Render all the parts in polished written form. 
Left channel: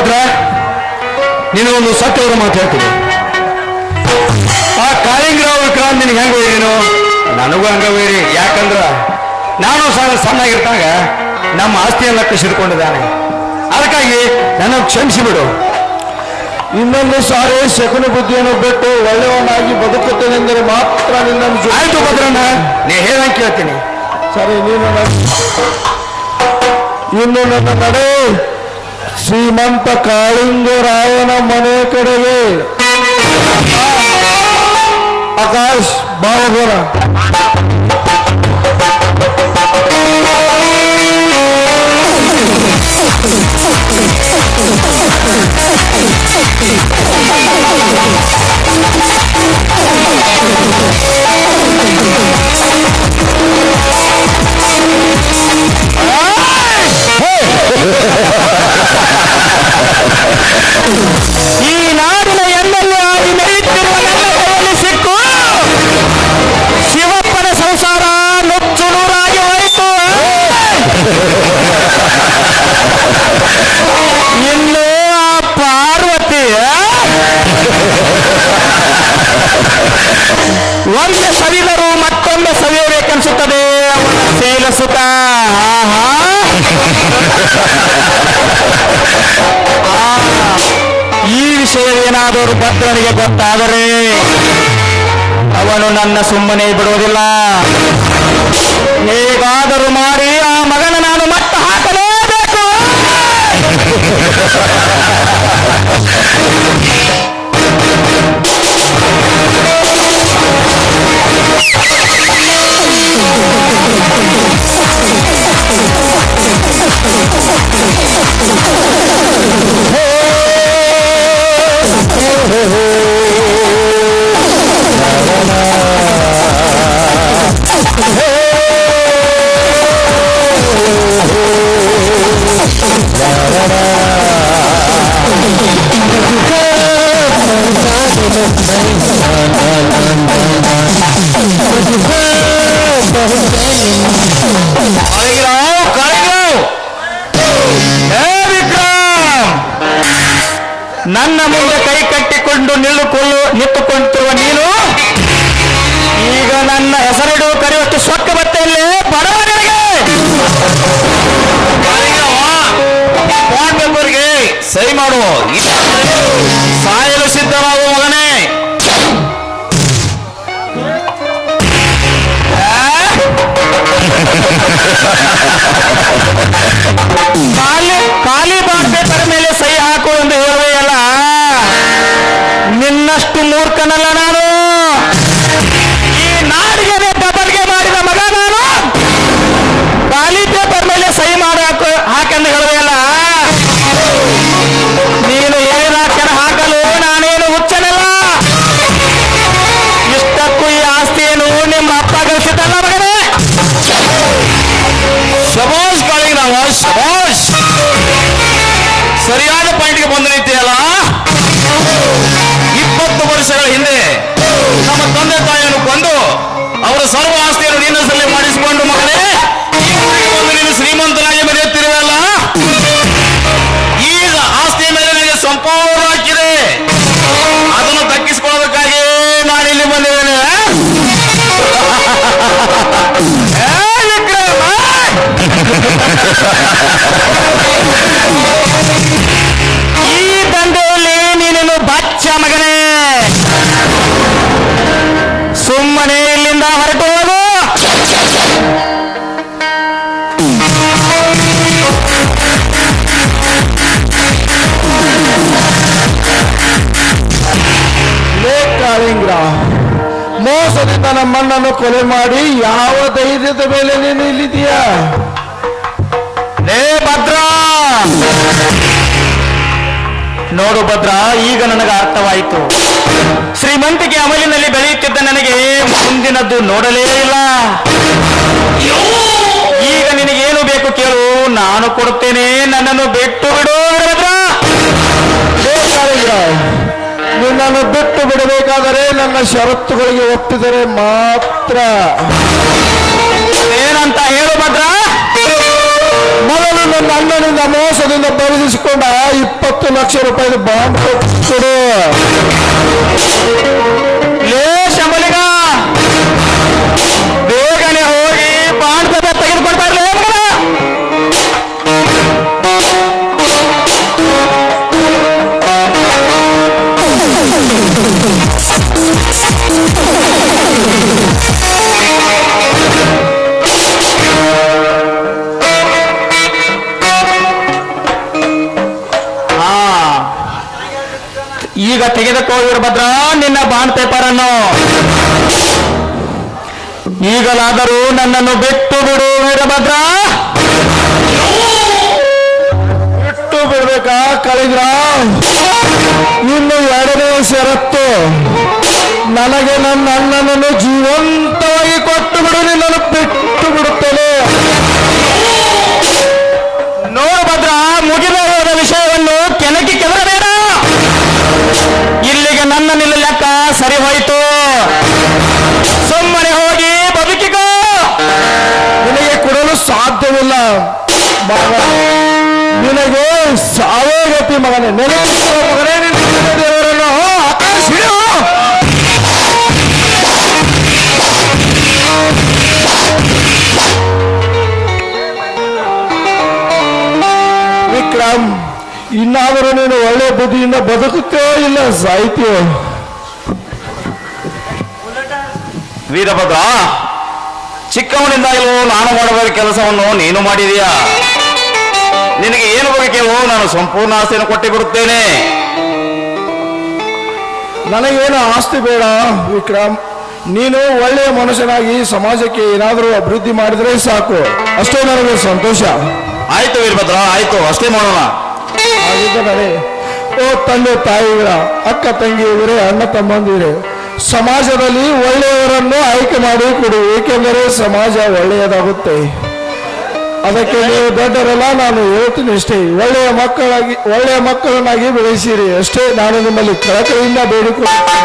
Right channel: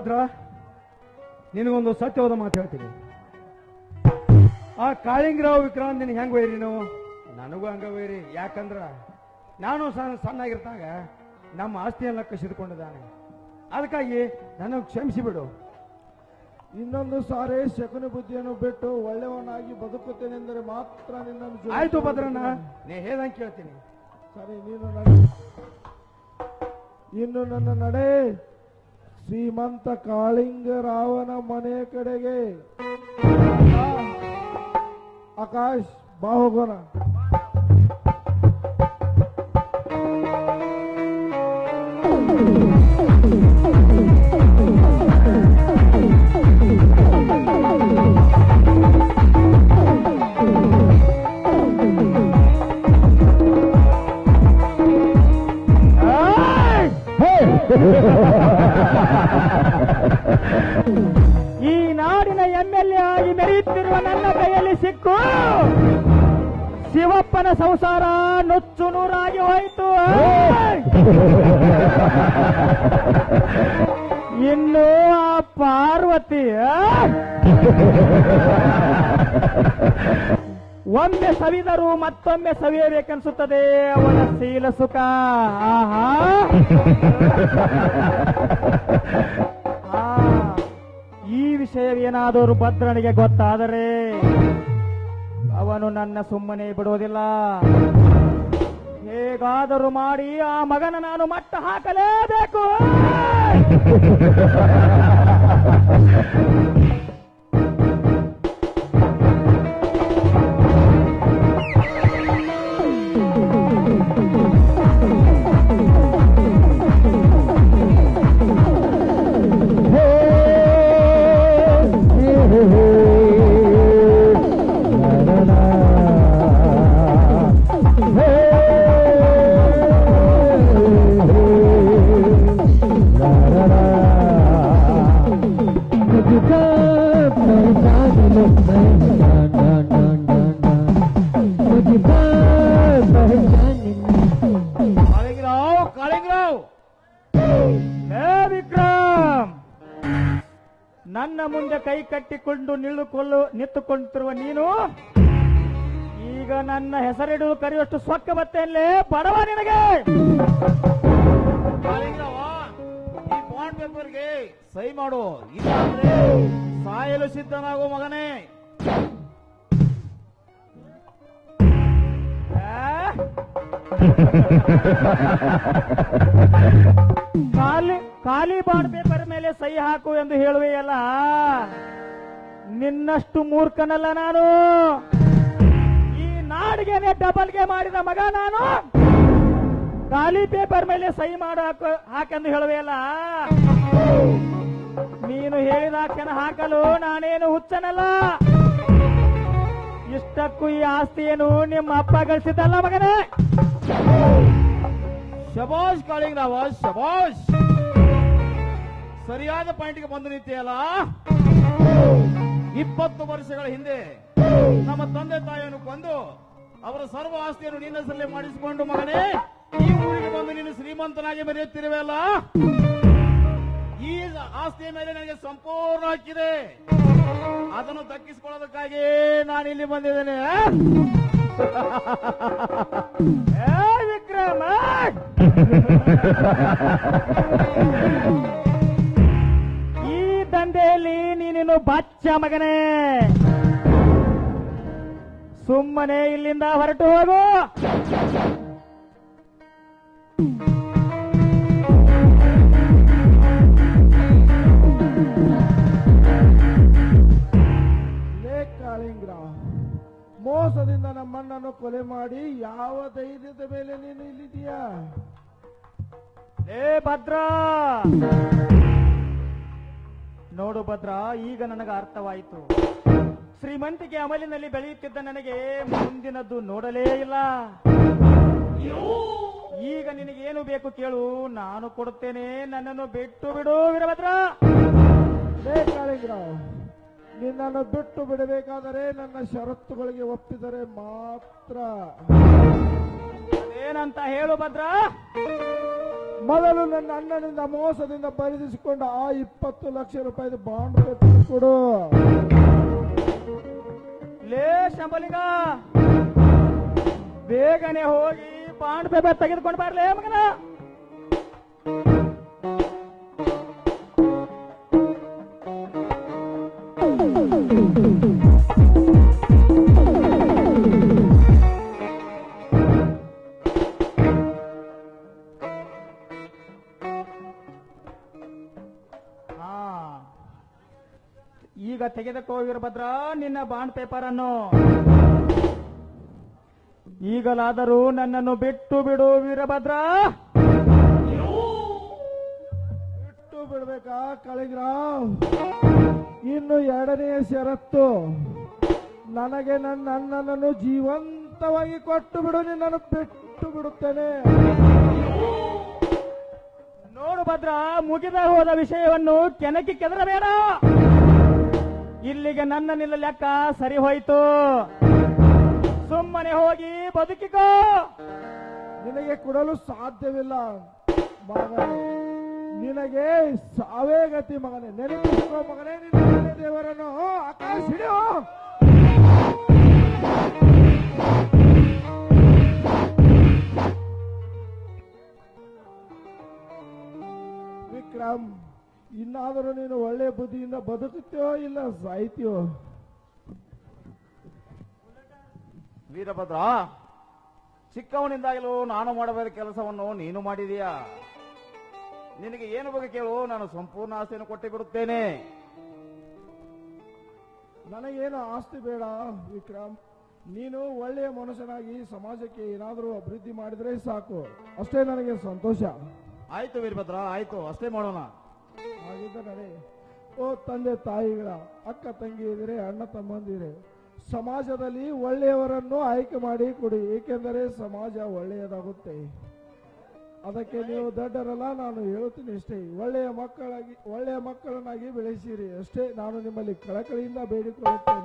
ಭದ್ರ, ನಿನಗೊಂದು ಸತ್ಯವಾದ ಮಾತು ಹೇಳ್ತೀನಿ. ಆ ಕಾಳಿಂಗರಾವ್ ವಿಕ್ರಾಂತ್ ನಿನಗೆ ಹೆಂಗ ಹೋಯ್ರೇನು? ನನಗೂ ಹಂಗ ಹೋಯ್ರಿ. ಯಾಕಂದ್ರ ನಾನು ಸಣ್ಣಾಗಿರ್ತಾಗ ನಮ್ಮ ಆಸ್ತಿಯೆಲ್ಲ ಕಸಿದುಕೊಂಡಿದ್ದಾನೆ. ಅದಕ್ಕಾಗಿ ನನಗೆ ಕ್ಷಮಿಸಿಬಿಡು. ಇನ್ನೊಂದು ಸಾರಿ ಶಕುನ ಬುದ್ಧಿಯನ್ನು ಬಿಟ್ಟು ಒಳ್ಳೆಯವನಾಗಿ ಬದುಕುತ್ತೇನೆಂದರೆ ಮಾತ್ರ ನಿನ್ನನ್ನು. ಆಯ್ತು ಭದ್ರಣ್ಣ, ನೀ ಹೇಳಂಗೆ ಕೇಳ್ತೀನಿ. ಸರಿ, ಇನ್ನು ನನ್ನ ನಡೆ ಶ್ರೀಮಂತ ಕಾಳಿಂಗರಾಯನ ಮನೆ ಕಡೆಗೆ. ಆಕಾಶ್ ಬಾವಗೋರ. ಈ ನಾಡಿನ ಎಮ್ಮೆಲ್ಲೆ ಆಗಿ ಮೆರೆಯುತ್ತಿರುವ ನನ್ನ ಕೈಯಲ್ಲಿ ಸಿಕ್ಕು ಶಿವಪ್ಪನ ಸಂಸಾರ ನುಚ್ಚು ನೂರಾಗಿ ಹೋಯಿತು. ಇನ್ನು ಆ ಪಾರ್ವತಿ ಒಮ್ಮೆ ಸವಿದರು ಮತ್ತೊಮ್ಮೆ ಸವಿಯಬೇಕನ್ಸುತ್ತದೆ ಅವನ ಶೀಲ ಸುಖ. ಈ ವಿಷಯವೇನಾದರೂ ಭದ್ರನಿಗೆ ಗೊತ್ತಾದರೆ ಅವನು ನನ್ನ ಸುಮ್ಮನೆ ಬಿಡುವುದಿಲ್ಲ. ಹೇಗಾದರೂ ಮಾಡಿ ಆ ಮಗನ ನಾನು ಮಟ್ಟ ಹಾಕಲೇಬೇಕು. ನನ್ನ ಮುಂದೆ ಕೈ ಕಟ್ಟಿಕೊಂಡು ನಿಂತುಕೊಳ್ಳುತ್ತಿರುವ ನೀನು ಈಗ ನನ್ನ ಹೆಸರಿಡು ಕರೆಯುವಷ್ಟು ಸೊಕ್ಕ ಬತ್ತೆಯಲ್ಲೇ ಬಡವನಿಗೆ ಮೆಂಬರ್ಗೆ ಸಹಿ ಮಾಡುವ ಸಾಯಲು ಸಿದ್ಧವಾಗುವ ಮಗನೇ. ಖಾಲಿ ಬಾಂಡ್ ಪೇಪರ್ ಮೇಲೆ ಸಹಿ ಹಾಕು ಎಂದು ಹೇಳುವೆಯಲ್ಲ, ನಿನ್ನಷ್ಟು ಮೂರ್ಖನಲ್ಲ ನಾನು. ಈ ನಾಡಿಗೆ ಡಬಲ್ಗೆ ಮಾಡಿದ ಮಗ ನಾನು. ಖಾಲಿ ಪೇಪರ್ ಮೇಲೆ ಸಹಿ ಮಾಡಿ ಹಾಕೆಂದು ಹೇಳುವೆಯಲ್ಲ, ನೀನು ಹೇಳಿದ ಅಕ್ಷರ ಹಾಕಲು ನಾನೇನು ಹುಚ್ಚನಲ್ಲ. ಇಷ್ಟಕ್ಕೂ ಈ ಆಸ್ತಿಯನ್ನು ನಿಮ್ಮ ಅಪ್ಪ ಗಳಿಸಿದ್ದಲ್ಲ ಮಗನೇ. ಶಬಾಷ್ ಕಾಳಿಂಗರಾವ, ಶಬಾಷ್. ಸರಿಯಾದ ಪಾಯಿಂಟ್ಗೆ ಬಂದು ನಿಂತೆಯಲ್ಲ. 20 ವರ್ಷಗಳ ಹಿಂದೆ ನಮ್ಮ ತಂದೆ ತಾಯಿಯನ್ನು ಕೊಂದು ಅವರ ಸರ್ವ ಆಸ್ತಿಯನ್ನು ನಿನ್ನ ಹೆಸರಲ್ಲಿ ಮಾಡಿಸಿಕೊಂಡು ಮಗನೇ ಈ ಊರಿಗೆ ಬಂದು ನೀನು ಶ್ರೀಮಂತನಾಗಿ ಮೆರೆಯುತ್ತಿರುವಲ್ಲ. ಈಗ ಆಸ್ತಿಯ ಮೇಲೆ ನನಗೆ ಸಂಪೂರ್ಣ ಹಾಕಿದೆ. ಅದನ್ನು ದಕ್ಕಿಸಿಕೊಳ್ಳೋದಕ್ಕಾಗಿ ನಾನಿಲ್ಲಿ ಬಂದಿದ್ದೇನೆ. ಈ ದಂಧೆಯಲ್ಲಿ ನೀನೇನು ಬಚ್ಚ ಮಗನೇ. ಸುಮ್ಮನೆ ಇಲ್ಲಿಂದ ಹೊರಟು ಹೋಗು. ಕಾಳಿಂಗರಾವ್, ಮೋಸದಿಂದ ನಮ್ಮಣ್ಣನ್ನು ಕೊಲೆ ಮಾಡಿ ಯಾವ ಧೈರ್ಯದ ಮೇಲೆ ನೀನು ಇಲ್ಲಿದೀಯಾ? ಭದ್ರ, ನೋಡು ಭದ್ರ, ಈಗ ನನಗೆ ಅರ್ಥವಾಯಿತು. ಶ್ರೀಮಂತಿಕೆ ಅಮಲಿನಲ್ಲಿ ಬೆಳೆಯುತ್ತಿದ್ದ ನನಗೆ ಮುಂದಿನದ್ದು ನೋಡಲೇ ಇಲ್ಲ. ಈಗ ನಿನಗೇನು ಬೇಕು ಕೇಳು, ನಾನು ಕೊಡುತ್ತೇನೆ. ನನ್ನನ್ನು ಬಿಟ್ಟು ಬಿಡು ಭದ್ರ. ನಿನ್ನನ್ನು ಬಿಟ್ಟು ಬಿಡಬೇಕಾದರೆ ನನ್ನ ಷರತ್ತುಗಳಿಗೆ ಒಪ್ಪಿದರೆ ಮಾತ್ರ. ಏನಂತ ಹೇಳು ಭದ್ರ. ಮೊದಲು ನನ್ನನಿಂದ ಮೋಸದಿಂದ ಬರೆದಿಸಿಕೊಂಡ 20 ಲಕ್ಷ ರೂಪಾಯಿ ಬಾಂಡ್ ಕೊಡು. ಲೇ ಶಂಬಲಿಗ, ಬೇಗನೆ ಹೋಗಿ ಬಾಂಡ್ ಪೇಪರ್ ತೆಗೆದುಕೊಳ್ತಾರಲೇ ಮಗನ. ಈಗ ತೆಗೆದುಕೋ ವೀರಭದ್ರ ನಿನ್ನ ಬಾಂಡ್ ಪೇಪರ್ ಅನ್ನು. ಈಗಲಾದರೂ ನನ್ನನ್ನು ಬಿಟ್ಟು ಬಿಡು ವೀರಭದ್ರ. ಬಿಟ್ಟು ಬಿಡ್ಬೇಕಾ ಕಳಿದ್ರ? ಇನ್ನು 2ನೇ ಷರತ್ತು, ನನಗೆ ನನ್ನ ಅಣ್ಣನನ್ನು ಜೀವಂತವಾಗಿ ಕೊಟ್ಟು ಬಿಡು, ನಿನ್ನನ್ನು ಬಿಟ್ಟು ಬಿಡುತ್ತೇನೆ. ನೋಡು ಭದ್ರ, ಮುಗಿದ ಹೋದ ವಿಷಯವನ್ನು ಕೆಣಕಿ ಕೆದರಬೇಡ. ಇಲ್ಲಿಗೆ ನನ್ನ ನಿಲ್ಲ ಲೆಕ್ಕ ಸರಿ ಹೋಯಿತು. ಸುಮ್ಮನೆ ಹೋಗಿ ಬದುಕಿಕೋ. ನಿನಗೆ ಕೊಡಲು ಸಾಧ್ಯವಿಲ್ಲ ಮಗ, ನಿನಗೆ ಸಾವೇ ಗತಿ ಮಗನೇ. ನೆನಪಿಸುವ ಮಗನೇ ನಿನ್ನ ದೇವರನ್ನು ಆಕಾಶಿಡು. ವಿಕ್ರಮ್, ಇನ್ನಾದರೂ ನೀನು ಒಳ್ಳೆ ಬುದ್ಧಿಯಿಂದ ಬದುಕುತ್ತೋ ಇಲ್ಲ ಸಾಹಿತ್ಯ? ವೀರಭದ್ರ, ಚಿಕ್ಕವನಿಂದಾಗಲೂ ನಾನು ಮಾಡಬೇಕಾದ ಕೆಲಸವನ್ನು ನೀನು ಮಾಡಿದೀಯಾ. ನಿನಗೆ ಏನು ಬೇಕೋ ನಾನು ಸಂಪೂರ್ಣ ಆಸ್ತಿಯನ್ನು ಕೊಟ್ಟು ಬಿಡುತ್ತೇನೆ. ನನಗೇನು ಆಸ್ತಿ ಬೇಡ ವಿಕ್ರಮ್, ನೀನು ಒಳ್ಳೆಯ ಮನುಷ್ಯನಾಗಿ ಸಮಾಜಕ್ಕೆ ಏನಾದರೂ ಅಭಿವೃದ್ಧಿ ಮಾಡಿದರೆ ಸಾಕು, ಅಷ್ಟೇ ನನಗೆ ಸಂತೋಷ. ಆಯ್ತು ವೀರಭದ್ರ, ಆಯ್ತು, ಅಷ್ಟೇ ಮಾಡೋಣ. ಹಾಗಿದ್ದರೆ ಓ ತಂದೆ ತಾಯಿಗಳ, ಅಕ್ಕ ತಂಗಿಯವರೇ, ಅಣ್ಣ ತಮ್ಮಂದಿರೇ, ಸಮಾಜದಲ್ಲಿ ಒಳ್ಳೆಯವರನ್ನು ಆಯ್ಕೆ ಮಾಡಿ ಕೊಡಿ, ಏಕೆಂದರೆ ಸಮಾಜ ಒಳ್ಳೆಯದಾಗುತ್ತೆ. ಅದಕ್ಕೆ ನೀವು ದೊಡ್ಡರಲ್ಲ, ನಾನು ಹೇಳ್ತೀನಿ ಅಷ್ಟೇ. ಒಳ್ಳೆಯ ಮಕ್ಕಳನ್ನಾಗಿ ಬೆಳೆಸಿರಿ ಅಷ್ಟೇ, ನಾನು ನಿಮ್ಮಲ್ಲಿ ಕಳಕಳಿಯಿಂದ ಬೇಡಿಕೊಳ್ಳುತ್ತೇನೆ.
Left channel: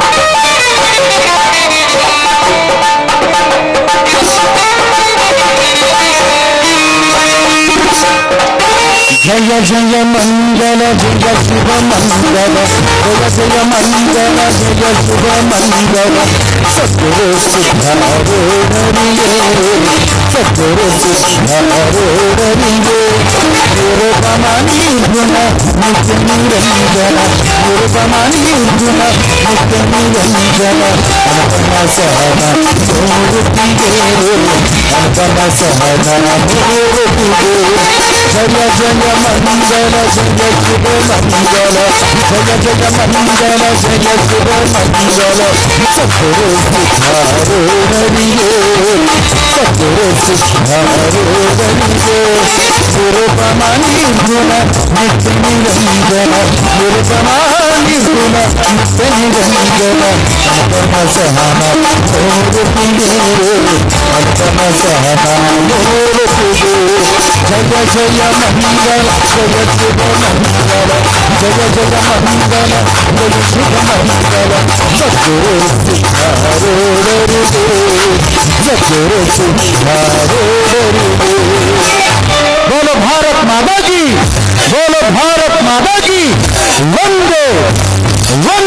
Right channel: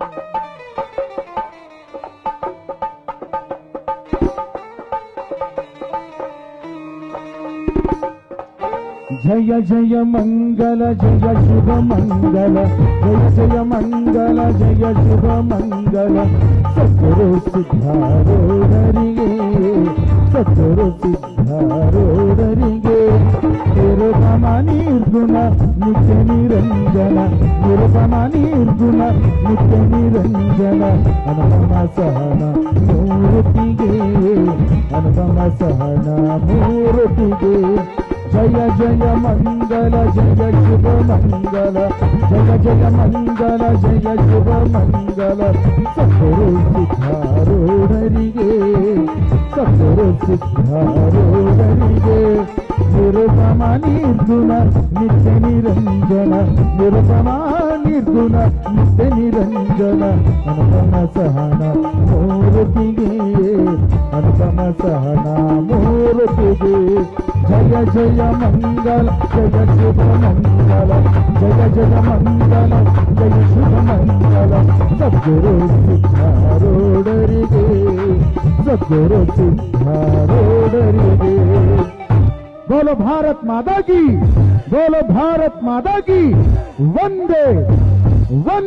ಜಯ ಜಯ ಮಂಗಲ ಜಯ ಶುಭ ಮಂಗಲ, ಜಯ ಜಯ ಮಂಗಲ ಜಯ ಶುಭ ಮಂಗಲ. ಸದ್ಗುರು ಸಿದ್ಧಾರೂಢರಿಗೆ, ಸದ್ಗುರು ಸಿದ್ಧಾರೂಢರಿಗೆ. ನಿರುಪಮ ನಿರ್ಗುಣ ನಿತ್ಯ ನಿರಂಜನ, ನಿರುಪಮ ನಿರ್ಗುಣ ನಿತ್ಯ ನಿರಂಜನ. ಅನುಪಮ ಸಹನ ಮೂರ್ತಿಗೆ, ಅನುಪಮ ಸಹನ ಮೂರ್ತಿಗೆ. ಜಯ ಜಯ ಮಂಗಲ ಜಯ ಶುಭ ಮಂಗಲ, ಜಯ ಜಯ ಮಂಗಲ ಜಯ ಶುಭ ಮಂಗಲ. ಸದ್ಗುರು ಸಿದ್ಧಾರೂಢರಿಗೆ, ಸದ್ಗುರು ಸಿದ್ಧಾರೂಢರಿಗೆ. ನಿರುಪಮ ನಿರ್ಗುಣ ನಿತ್ಯ ನಿರಂಜನ, ನಿರುಪಮ ನಿರ್ಗುಣ ನಿತ್ಯ ನಿರಂಜನ. ಅನುಪಮ ಸಹನ ಮೂರ್ತಿಗೆ, ಅನುಪಮ ಸಹನ ಮೂರ್ತಿಗೆ. ಜಯ ಜಯ ಮಂಗಲ ಜಯ ಶುಭ ಮಂಗಲ, ಜಯ ಜಯ ಮಂಗಲ ಜಯ ಶುಭ ಮಂಗಲ. ಸದ್ಗುರು ಸಿದ್ಧಾರೂಢರಿಗೆ, ಸದ್ಗುರು ಸಿದ್ಧಾರೂಢರಿಗೆ. बोलो भारत माता की, बोलो भारत माता की. वंदे वंदे.